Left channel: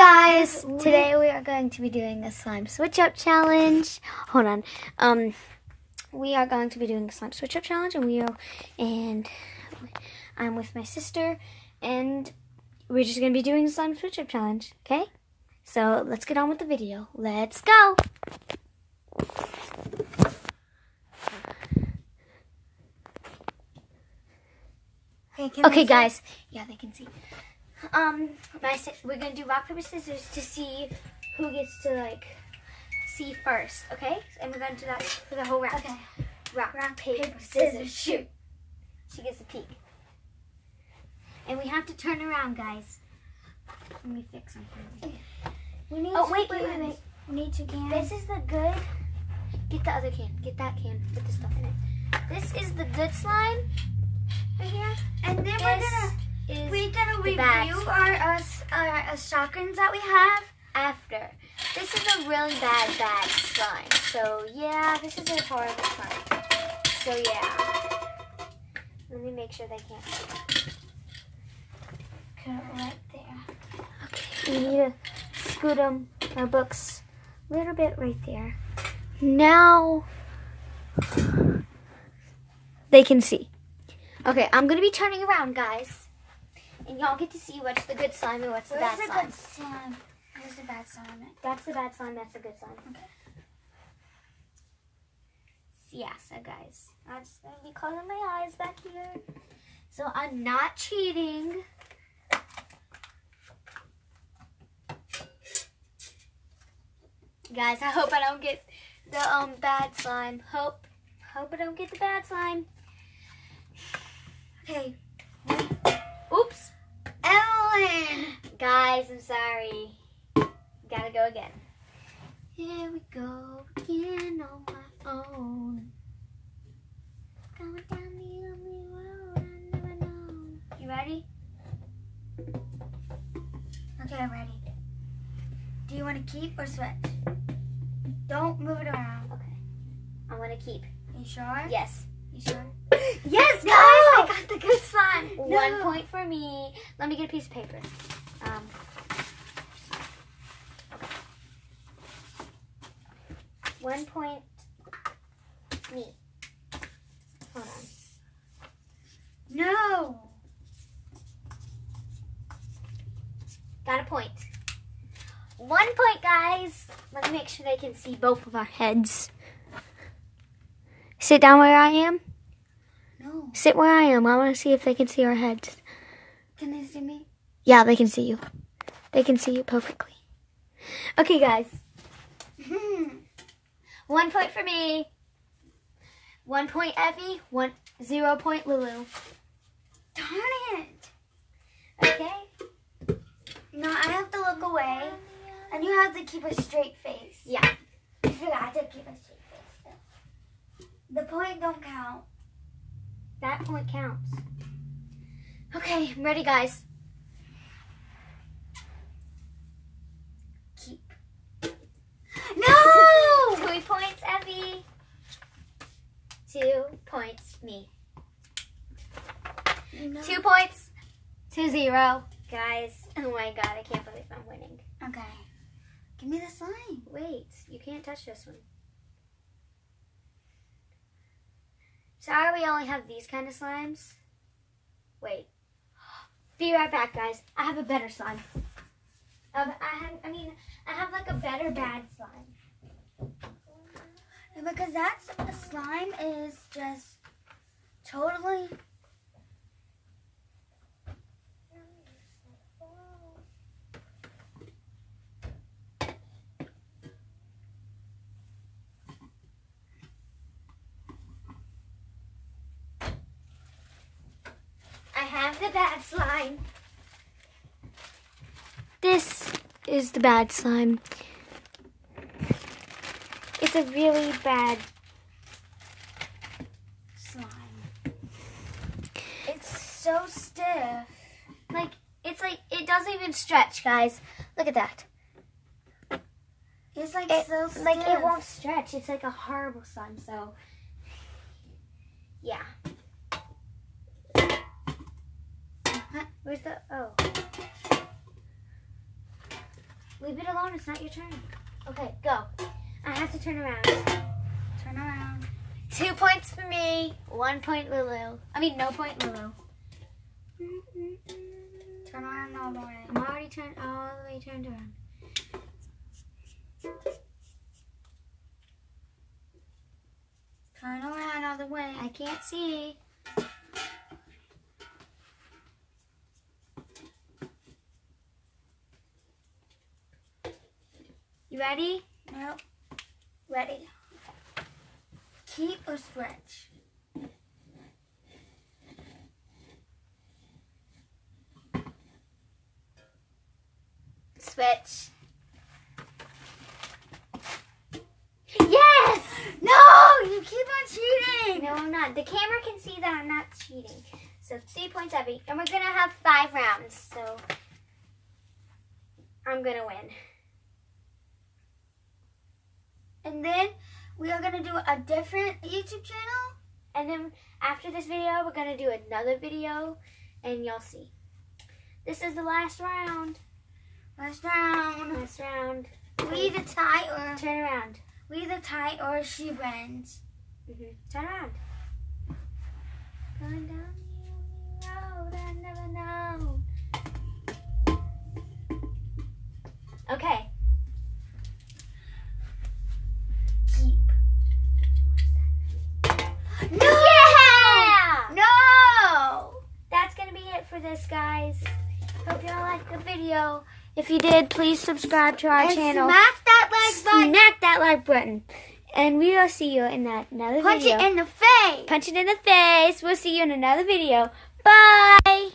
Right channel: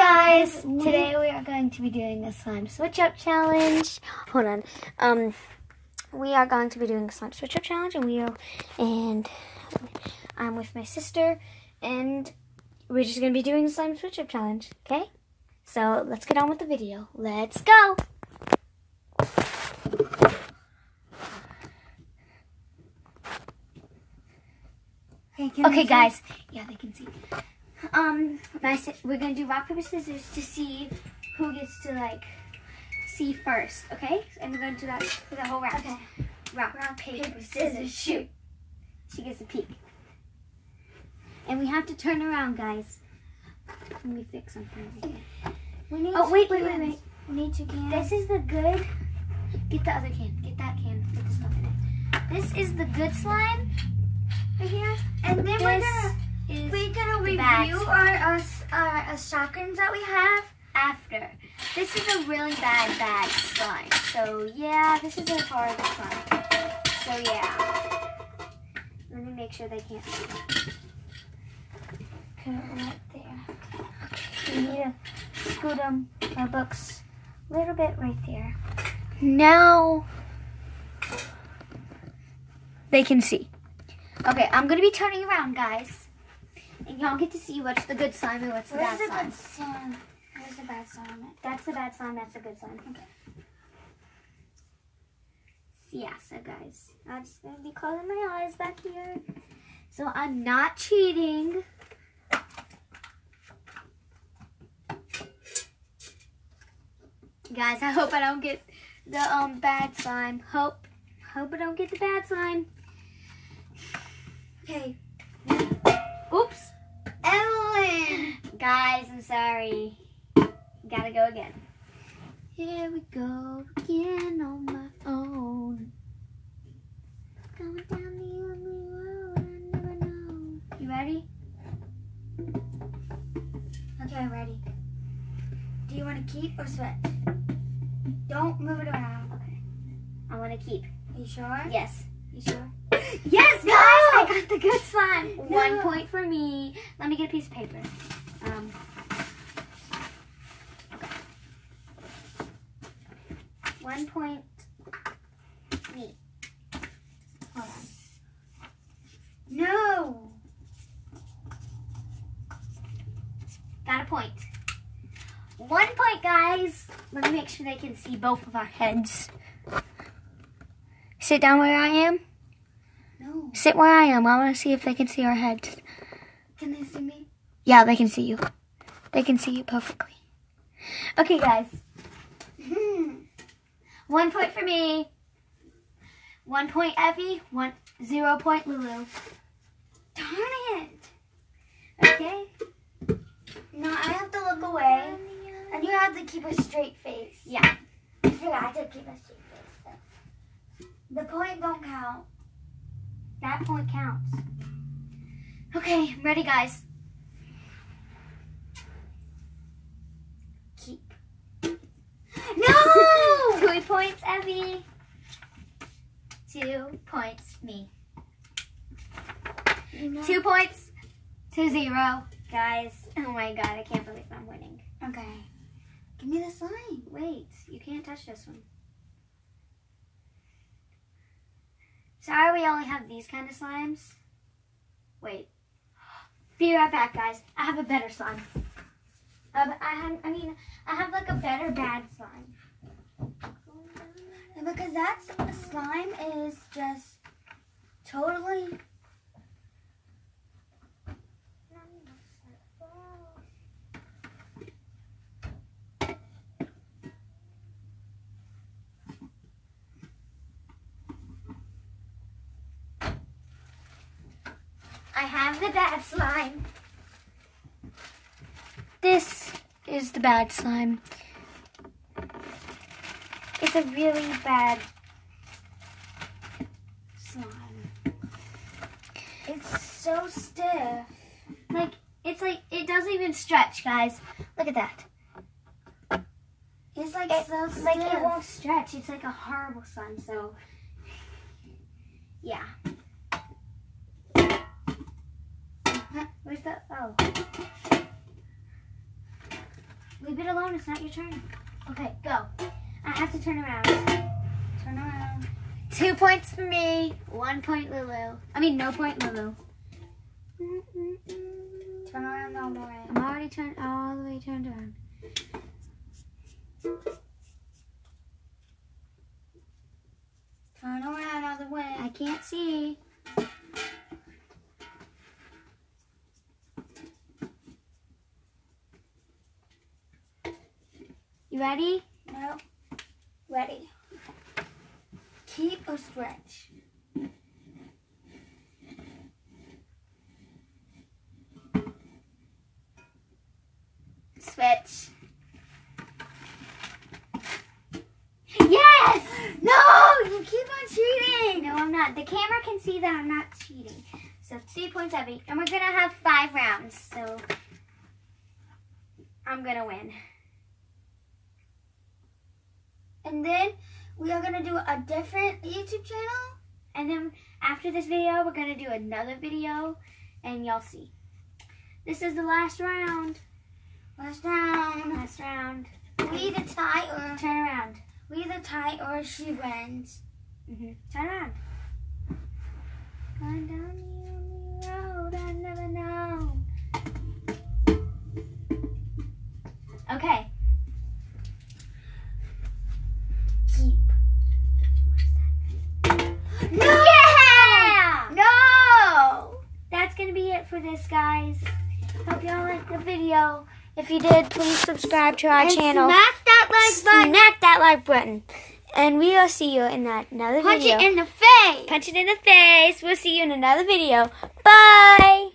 guys, today we are going to be doing a slime switch up challenge. Hold on. We are going to be doing a slime switch up challenge, and I'm with my sister, and we're just going to be doing a slime switch up challenge, okay? So let's get on with the video. Let's go. Okay, guys. Yeah, they can see. We're gonna do rock, paper, scissors to see who gets to see first, okay? And we're gonna do that for the whole round. Okay. Rock, paper, scissors, shoot. She gets a peek. And we have to turn around, guys. Let me fix something. Wait. We need two cans. This is the good. Get the other can. Get that can. Get the stuff in it. This is the good slime right here. And then we're gonna review our shotguns that we have after. This is a really bad slime. So yeah, this is a horrible slime. So yeah. Let me make sure they can't see. Put it right there. Okay, we need to scoot our books a little bit right there. Now they can see. Okay, I'm gonna be turning around, guys. And y'all get to see what's the good slime and what's the bad slime. Where's the bad slime? That's the bad slime, that's the good slime. Okay. Yeah, so guys, I'm just going to be closing my eyes back here. So I'm not cheating. Guys, I hope I don't get the bad slime. Hope I don't get the bad slime. Okay. Oops. Evelyn! Guys, I'm sorry. Gotta go again. Here we go again on my own. Going down the only road I never know. You ready? Okay, I'm ready. Do you want to keep or switch? Don't move it around. Okay. I want to keep. Are you sure? Yes. You sure? Yes, guys! I got the good slime. No. 1 point for me. Let me get a piece of paper. 1 point. Me. Hold on. No! Got a point. 1 point, guys. Let me make sure they can see both of our heads. Sit down where I am. No. Sit where I am. I want to see if they can see our heads. Can they see me? Yeah, they can see you. They can see you perfectly. Okay, guys. 1 point for me. 1 point Effie. 0 point Lulu. Darn it. Okay. No, I have to look away. And you have to keep a straight face. Yeah. I forgot to keep a straight face, though. The point don't count. That point counts. Okay, ready, guys. Keep. No! 2 points, Effie. 2 points, me. No. 2 points to 0. Guys, oh my god, I can't believe I'm winning. Okay. Give me the slime. Wait, you can't touch this one. Sorry we only have these kind of slimes. Wait. Be right back, guys. I have a better slime. I have like a better bad slime. Yeah, because the slime is just totally... I have the bad slime. This is the bad slime. It's a really bad slime. It's so stiff. It doesn't even stretch, guys. Look at that. It's so stiff. It won't stretch. It's like a horrible slime, so yeah. Where's the, oh. Leave it alone. It's not your turn. Okay, go. I have to turn around. Turn around. 2 points for me. 1 point, Lulu. I mean, no point, Lulu. Turn around all the way. I'm already turned all the way turned around. Turn around all the way. I can't see. You ready? No. Ready. Keep or stretch. Switch. Yes! No! You keep on cheating! No, I'm not. The camera can see that I'm not cheating. So 3 points every. And we're going to have 5 rounds. So I'm going to win. And then we are going to do a different YouTube channel. And then after this video, we're going to do another video. And y'all see. This is the last round. Last round. Last round. We either tie or... Turn around. We either tie or she wins. Turn around. Going down the only road I never known. Okay. Keep. No! Yeah! No! That's going to be it for this, guys. Hope y'all liked the video. If you did, please subscribe to our channel. Smash that like button. Smack that like button. And we will see you in another video. Punch it in the face. Punch it in the face. We'll see you in another video. Bye.